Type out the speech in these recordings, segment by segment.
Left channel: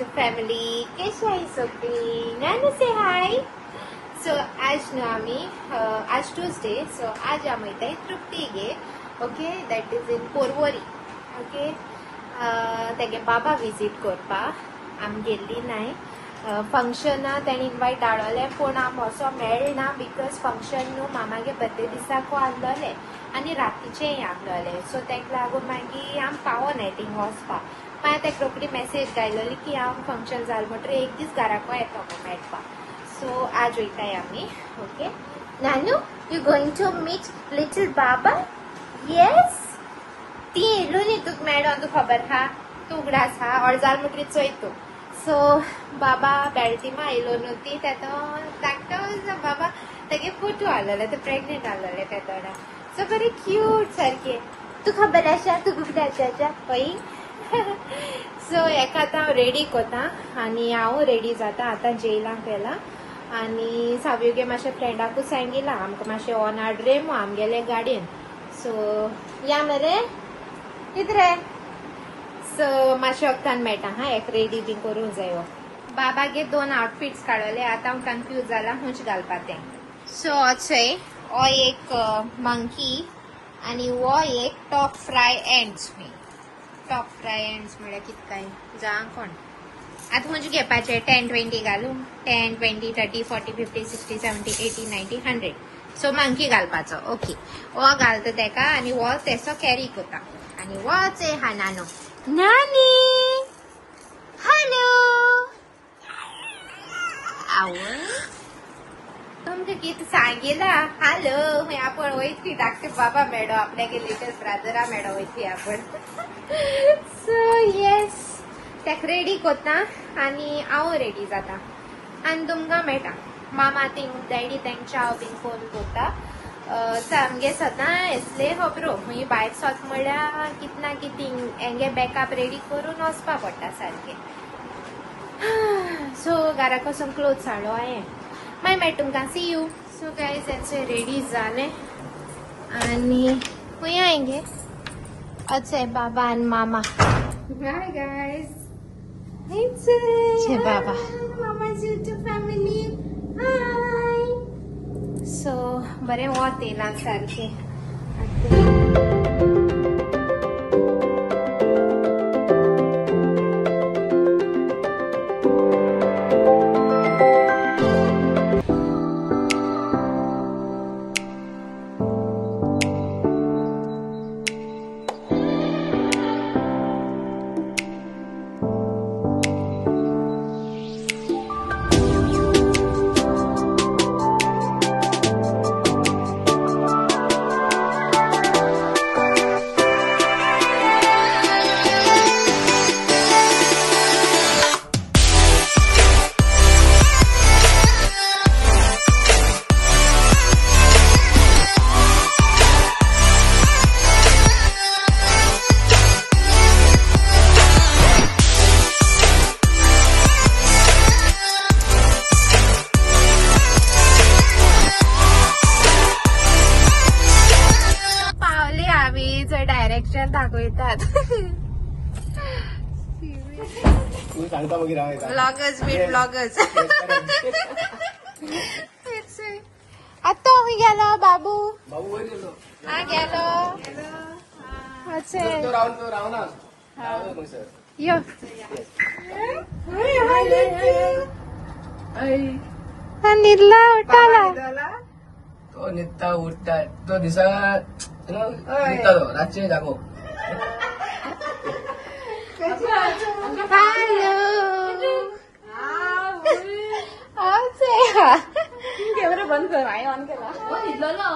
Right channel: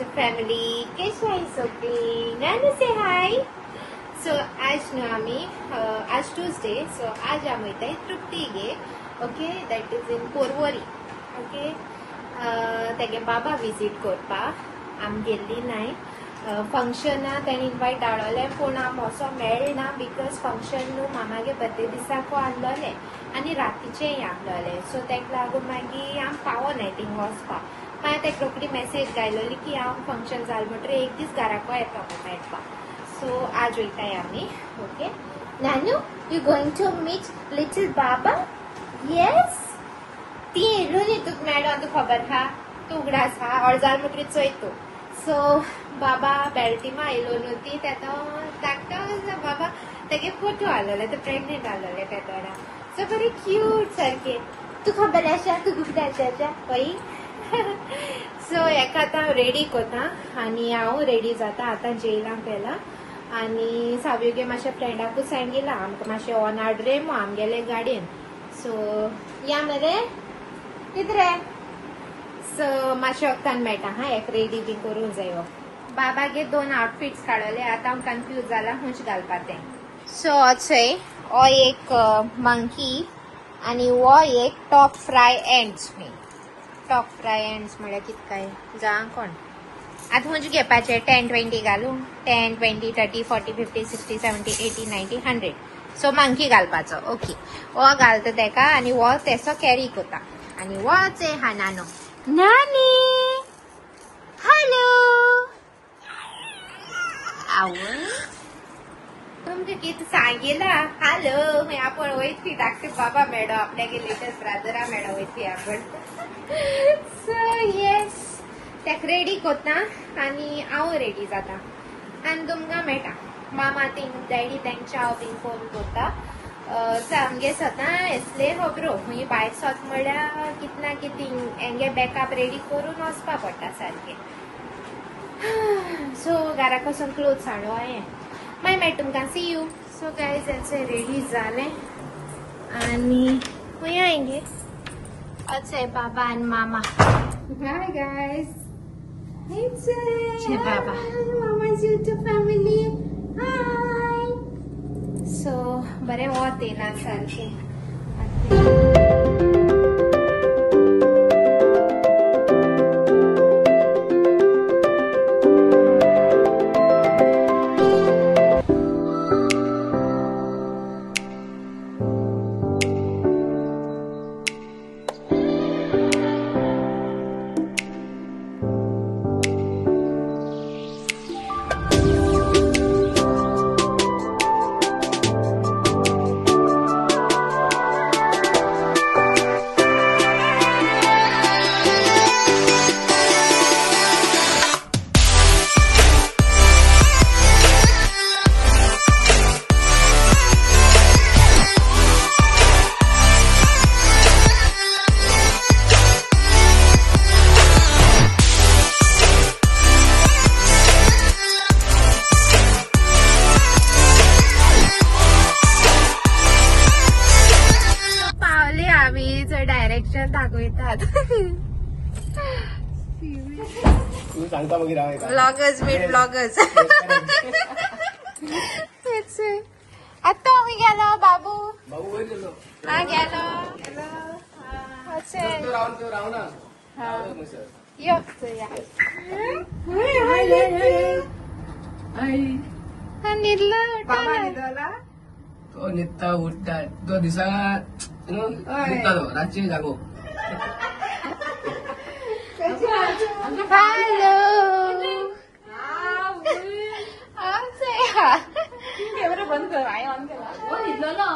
YouTube family. Kesha is okay. Nanu say hi. So आज न्हू आमी आज Tuesday. So आज आमी इथे तृप्ती गे. Okay, that is in Porvory. Okay. तेगे बाबा विजिट करपा आम गेल्ली नाय. फंक्शना तेणी इन्वाइट धाडले पूण आम असो मेळना बिकॉज फंक्शन न्हू मामागे बर्थडे दिसाको आसलोले आनी रातीचेय आसलोले. सो तेका लागून मागीर आम पावोनाय थिंग वचपा. मागीर तेका रोखडी मेसेज घायलोली की हांव फंक्शन जालें म्हणटरी एक दीस घराको येता मेळपा. सो आज वयताय आमी. ओके नानू you going to meet little baba. Yes ती येयलोली तुका मेळोन तुका खबर आहा तूं उगडास हा अर्जार म्हणटरी चोय तूं. सो बाबा बेल्टीमा आयलो न्हू ती धाकटो बाबा तेगे फोटो आसलोले ते प्रेग्नेंट आसलोले त्या तोरा. सो बरी क्यूट सारके. तू खबर आसा तू गुगडाच्या पळय. सो हेका आतां हांव रेडी कोता आनी हांव रेडी जाता आतां जेयलांक गेला आनी साव्युगे मातशें फ्रेंडाकूच सांगिला आमकां मातशें ऑनार्ड रे मो आमगेले गाडयेन. सो या मरे कितें रे. सो मातशें वखदान मेळटा हा एक रेडी बी करूंक जायो. बाबागे 2 आउटफिट्स काडले आतां हांव कन्फ्यूज जाला खंयचे घालपा तें. सो होचय हो एक मंकी आनी हो एक top fry ends. Top fry ends म्हळ्यार कितें काय जा कोण आतां खंयचे घेवपाचे 10-20 घालूं 10, 20, 30, 40, 50, 60, 70, 80, 90, 100. सो मंकी घालपाचो. ओके हो घालता तेका आनी हो तेसो कॅरी कोता आनी होच हा नानो. नानी हॅलो आवय तुमकां कितें सांगिला हॅलो आपण वयतली धाकटे बाबा मेळो आपल्यागे लेटेस्ट ब्रादरा मेळो वयतली आपण. सो येस तेका रेडी कोता आनी हांव रेडी जाता आनी तुमकां मेळटा. मामा थिंग डॅडी तेंच्या बीन फोन कोता. आमगे सदां येसले खबरो खंय भायर सोत म्हळ्यार कितें ना कितें हेंगे बॅकअप रेडी करून वचपा पडटा सारकें. सो घराक वचून क्लोथ्स हाडलो हांवें मागीर मेळटा तुमकां सी यू. सो गायज हेंचें रेडी जालें आनी खंय हांगे हेंचें बाबा आनी मामा. हाय गायज हेंचें बाबा मामाज यूट्यूब फॅमिली. हाय. सो बरें वत येयलां सारकें. डायरेक्शन दाखवतात. ब्लॉगर्स बी ब्लॉगर्स. आत्ता मी गेलो बाबू हा गेलो निर्ला उठाला नित्ता उठता तो दिसा रातचे जागो. हॅलो बंद कर ऑन केला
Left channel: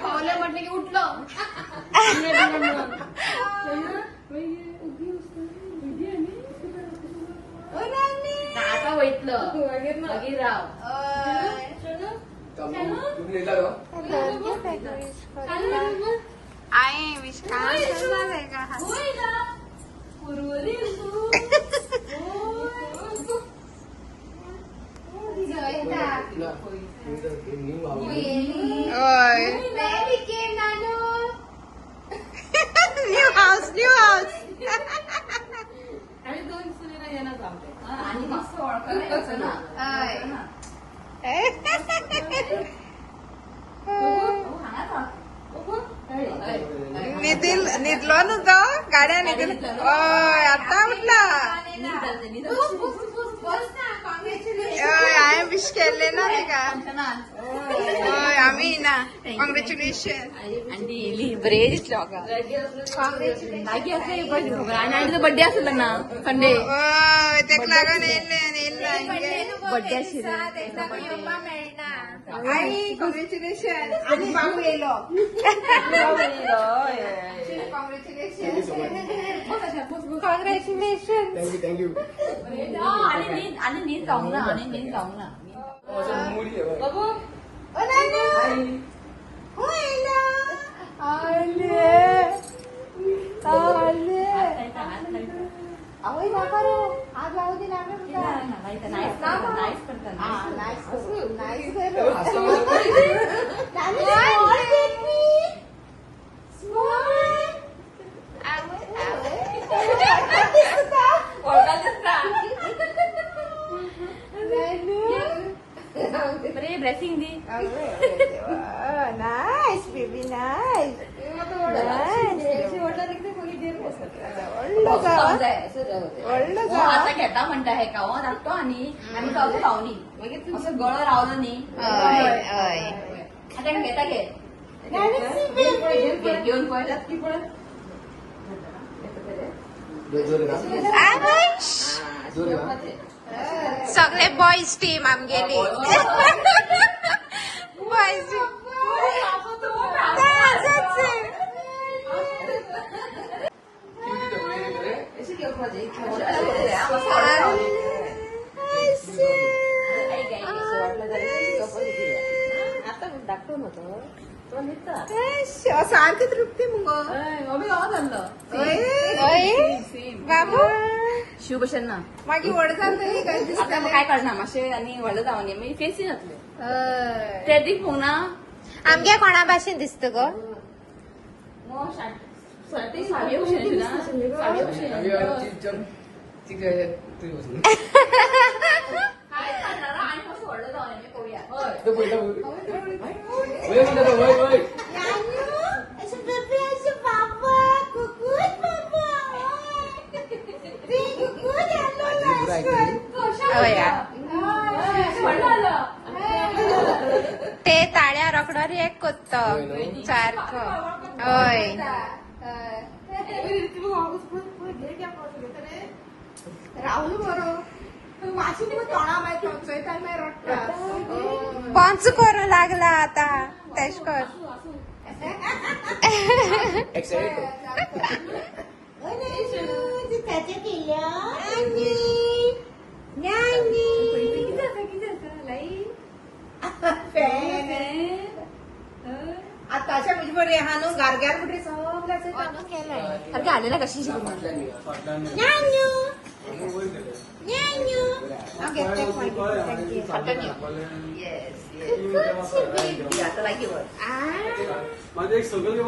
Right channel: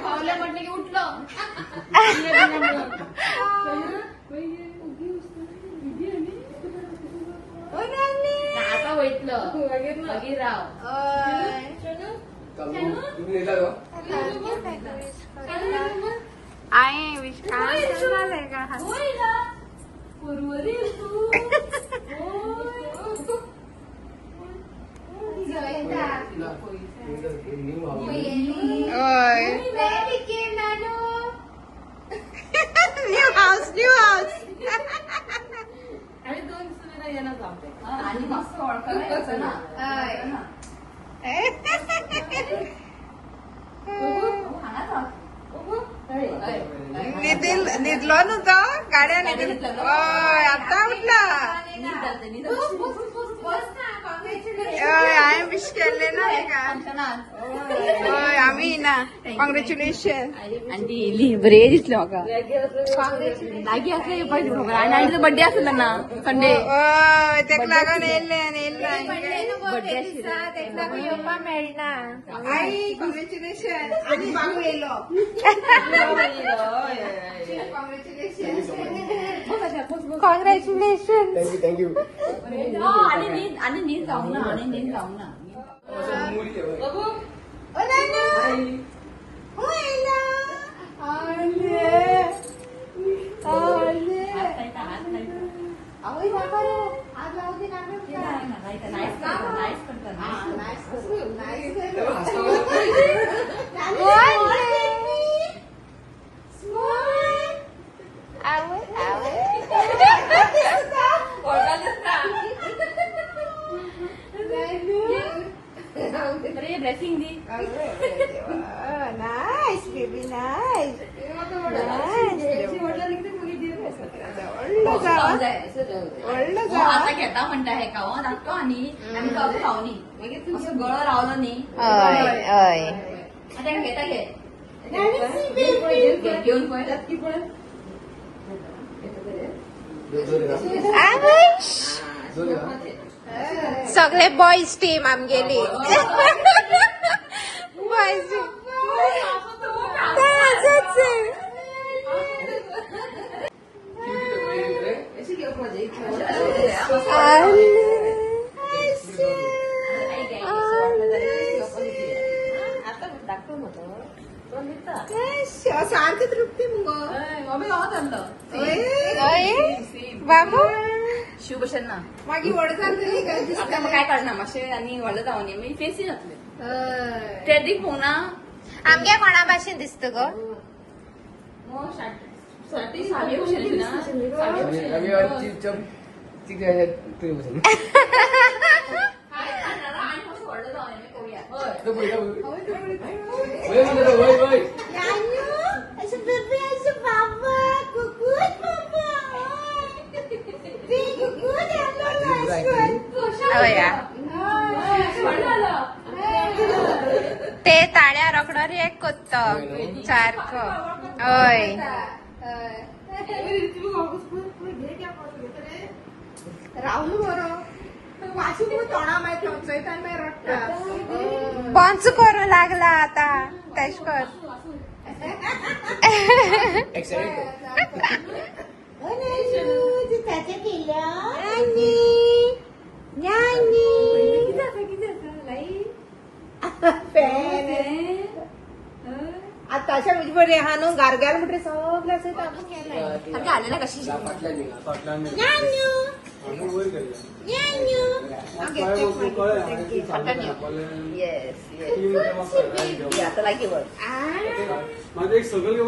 पावले म्हटलं की उठलो. आता वैतलं मागीर राव आय विश्वास झालंय का आणि 2 येणार आमचे आणि मस्त ओळखायला ना निधलो न्हू तो गाड्या निधल आता उठला हांवें विश केल्ले ना आमी ना कॉंग्रेच्युलेशन बरे दिसले म्हाका आनी बर्थडे आसलो ना संडे तेका लागून येयल्ले बर्थडे आशिल्लो मेळना आई कॉंग्रेच्युलेशन आनी बाबू येयलो कॉंग्रेच्युलेशन थँक्यू आणि नीट जाऊ ना बाबू आज लावू दे ना ब्लेसिंग दी नाइस बेबी नाइस खेळता म्हणता हे कावा लागतो आणि आम्ही कावतो खावनी असं गळो रावलो न्ही घेता घे घेऊन पळयतात की पण सगळे बॉयज टीम आमगेली बॉयज सारखं तृप्ती मुगो बाबू शिवभूषण ना मागीर व्हड जातली काय आता काय करणार मातशें आनी व्हडलो जावन मागीर फेसी जातले ट्रेडीक पोवना आमगे कोणा भाशेन दिसता गो ते ताळ्या रोकडो रेक कोत्तो सारको हय राहुल बरो वाशी तोंडा मागीर चोचयता मागीर रडटा पंच करूं लागला आता तेश कर ताचे केल्या आताच्या म्हणजे बरे हा न्हू गारगार म्हणटे सगळे असे काम केलाय गाणेला कशी माझे एक सगळं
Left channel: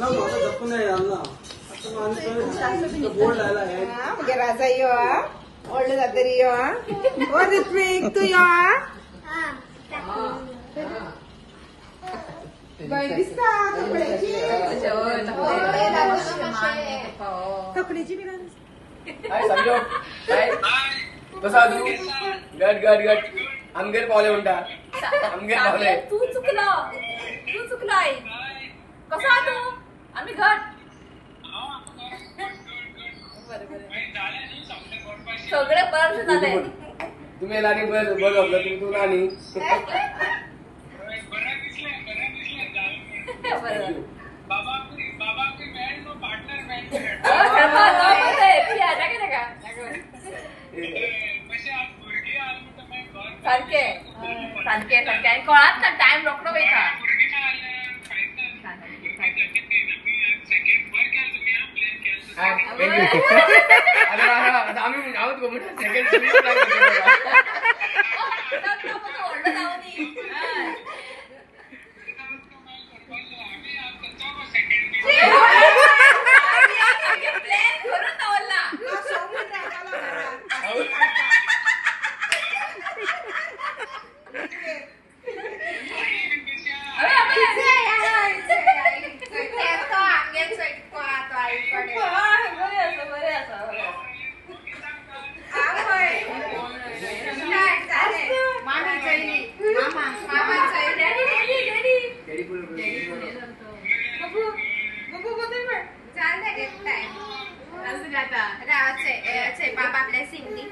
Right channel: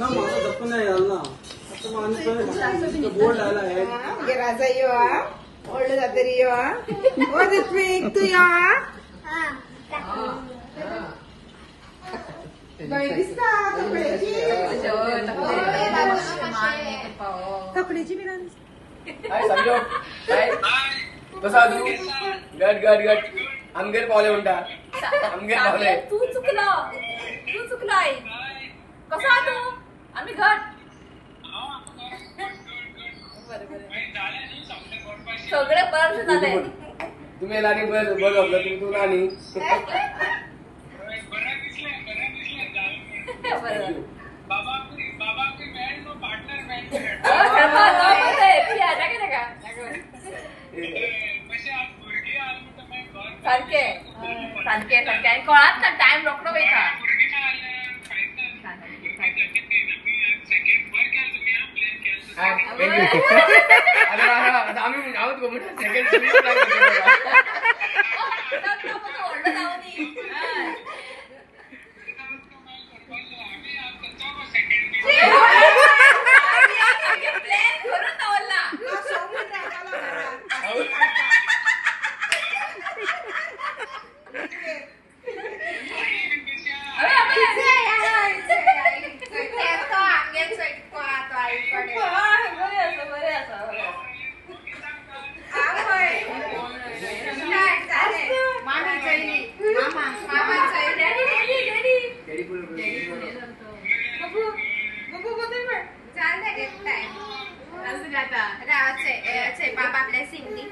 माझा गप्प नाही झाला ना बोर्ड आला आहे म्हणजे राजा यो ओल्ड जातरी यो ऋत्विक तू यो बाई दिसता कपड्याची समजो कसा तू गट गट गट आमगेर पावले म्हणटा आमगेर पावले तू चुकलाय कसा तू आम्ही घट सगळे बरं झाले तुम्ही लाणी बरं बघ तू नानी सारखे सारखे सारखे आणि कळत ना टाइम रोखडो वयता आम्ही आवत गो सेकंड बाबा ब्लेसिंग दी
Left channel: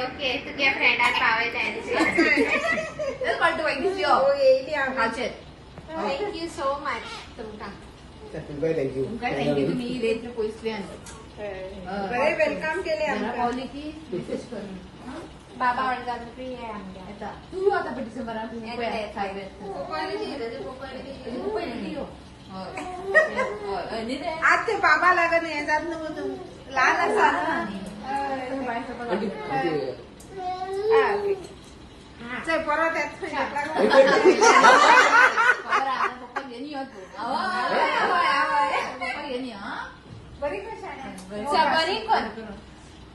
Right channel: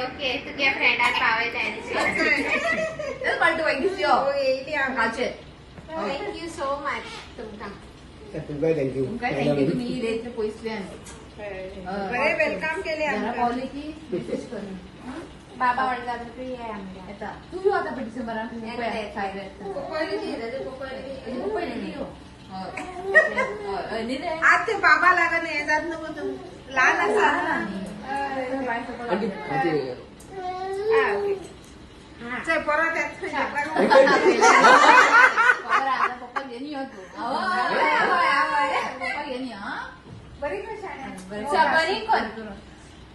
ओके तुझ्या फ्रेंडाक पावयता थँक्यू सो मच तुमका तुम्ही रेत्र पोचल्यान वेलकम केले पावली की मेसेज कर बाबा ऑर्डर फ्री आहे आमच्या तू आता डिसेंबरात आज ते बाबा लागत नाही जात नको तू लहान परत पप्पा घेणी होतो पप्पा घेणी हा बरी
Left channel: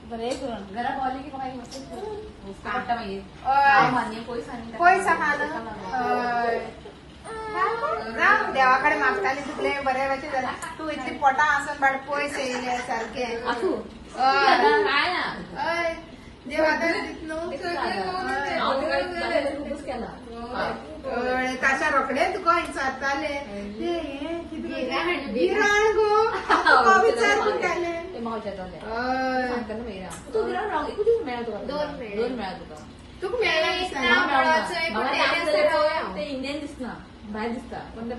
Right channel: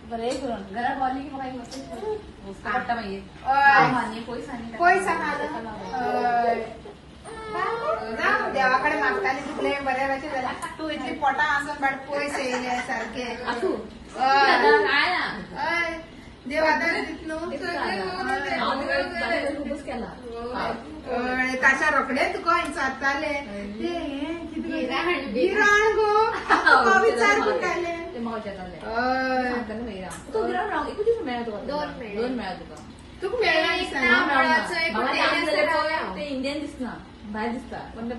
बरे करून घरात आली की बघा उसका पट्टा माहिती पैसा देवाकडे मागताली तुले बऱ्या वेळची झाला तू इतकी पोटा असं बड पैसे येले सारखे असू देव आता ताशा रोकडे तुका चालताले ते गिराण गो विचार केले दोन मिळा तुका तुका मेळ्ळा ते इंडियन दिसना बाहेर दिसता पण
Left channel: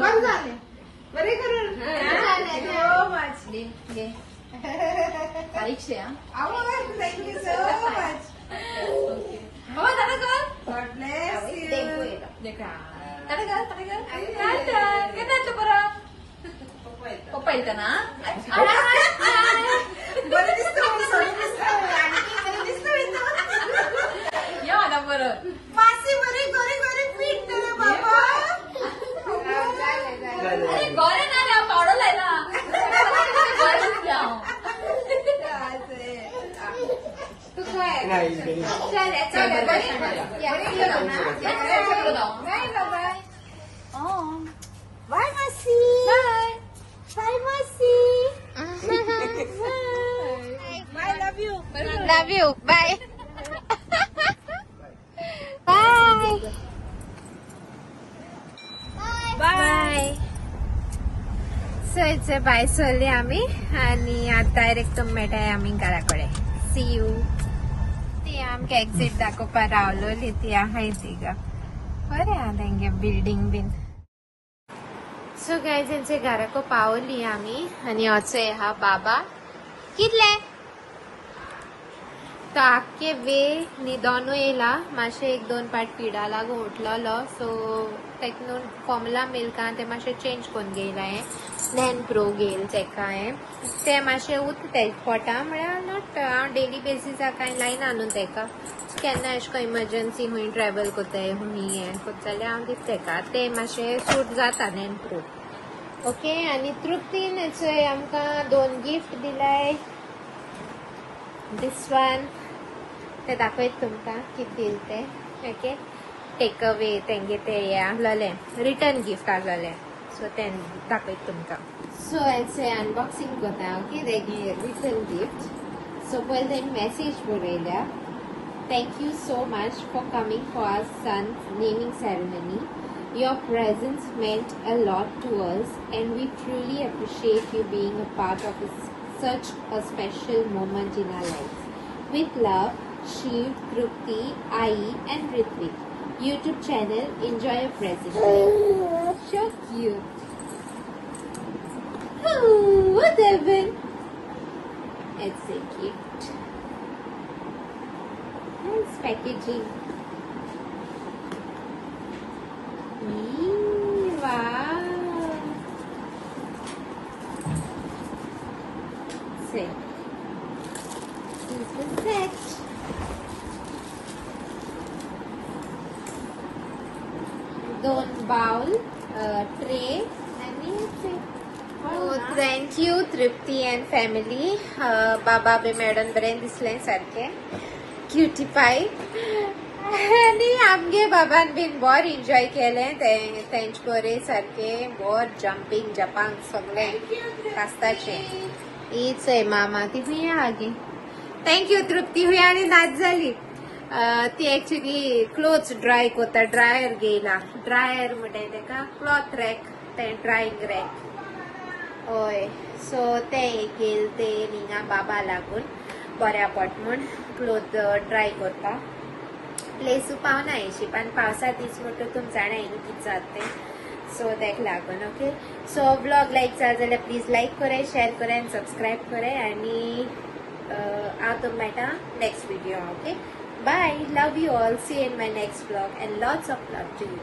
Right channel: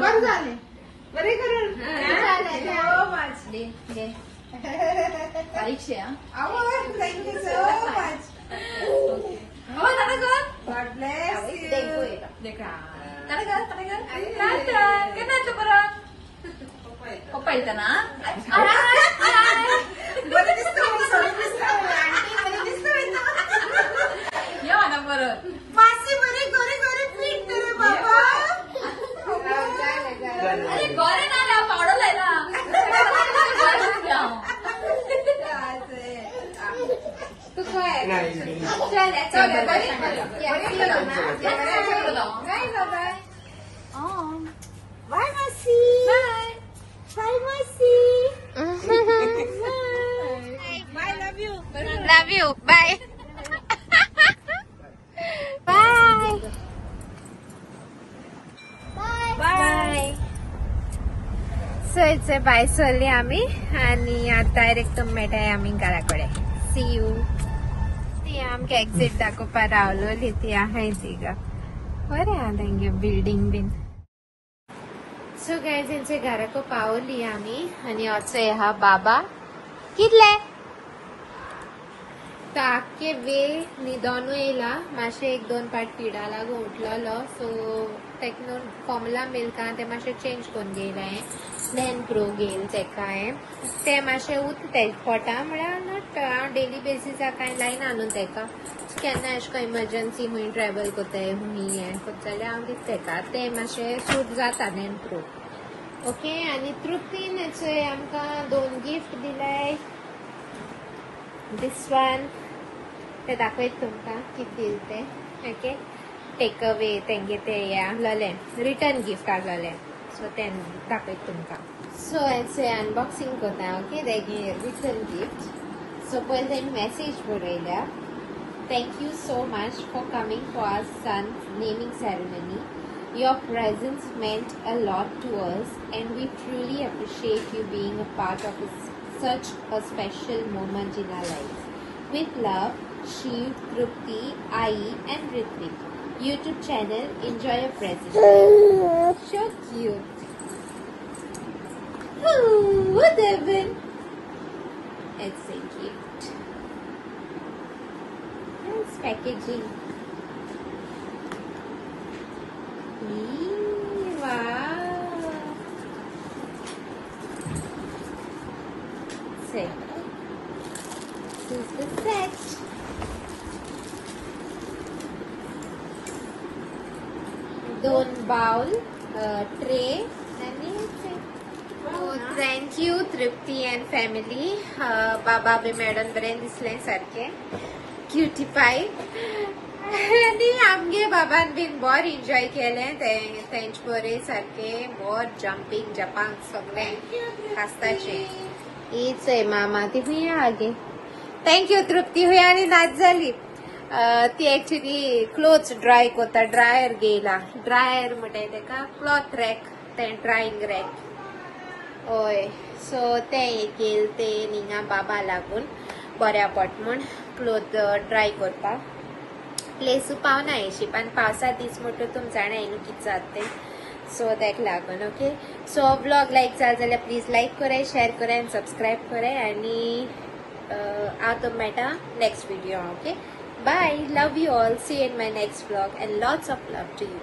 बंद झाले बरे करून परीक्षा thank you so much God bless पप्पा येतं ना बरं दिसतो या मला बरं मासे बरे गोरे गोरे पीठ रे बाबा अरे गोरे ना पावडर लायला तू काय बाय मासी बाय मासी love you bye bye so it's bye सोडली आम्ही आणि आता डायरेक्ट मेळटाय आम्ही घराकडे सी यू आमकां एक्झिट दाखोवपाक रावलो ती आहाय तिका बरें आहा तेंगे बिल्डींग बीन सो गायज तेंचे घराको पावली आमी आनी असो आहा बाबा कितले तो आख्खे वे न्हिदोनू येयला मातशें एक दोन पाट पिडा लागून उठलोलो सो तेका फॉर्मुला मिल्कान ते मातशें चेंज करून घेयला हांवें नॅन प्रो घेयल तेका हांवें ते मातशें उरता पोटा म्हळ्यार नॉट हांव डेली बेसिसाक कांय लायना न्हू तेका केन्ना अशें करून इमर्जन्सी खूंय ट्रॅवल कोताय खूंय हें कोता जाल्यार हांव दिता तेका ते मातशें सूट जाता नॅन प्रो ओके आनी तृप्तीन चोय आमकां 2 गिफ्ट दिलाय दिस वन ते दाखयत तुमकां कितें दिल ते. ओके, टेक अवे तेंगे ते आहलोले रिटर्न गिफ्ट आहलोले, सो ते दाखयत तुमकां. सो हेचे अनबॉक्सिंग करता. Okay, return gift. सो पयलीं तेणी मेसेज बरयल्या. Thank you so much for coming for our son's naming ceremony. Your presence meant a lot to us, and we truly appreciate you being a part of such a special moment in our lives. With love, Shiv, Trupti, Ai, and Ritvik. YouTube channel, enjoy your present. So cute. Oh, what happened? It's a gift. Nice packaging. Wow. Set. This is the set. Doon bowl, tray, and it's it. Oh, thank you, Tripti and family. Baba be madam bren disle sarke. Cutie pie. आणि आमगे बाबान bin bore enjoy केलें. Thanks बरे सारखे bore jumping जपांग सगळे कास्ताचे. हीच आहे मामा ती खंय आगे. थँक्यू तृप्ती. हुंय आनी नाच जाली. ती एक्चुअली क्लोथ्स ड्राय कोता. ड्रायर घेयला. ड्रायर म्हणटाय तेका क्लॉथ रॅक, ते ड्रायिंग रॅक. हय, सो ते घेल ते हिंगा बाबा लागून बऱ्या पड म्हूण क्लोथ ड्राय करता. प्लेस पावना अशी पण पावसा दीस म्हणटा तुम जाणा न्ही कितें जाता तें. सो तेका लागून. ओके, सो ब्लॉग लायक जाला जाल्यार प्लीज लायक कराय, शेअर कराय आनी सबस्क्रायब कराय. आनी हांव तुम मेळटा next video. Okay, bye. Love you all. See you in my next blog and lots of love to you.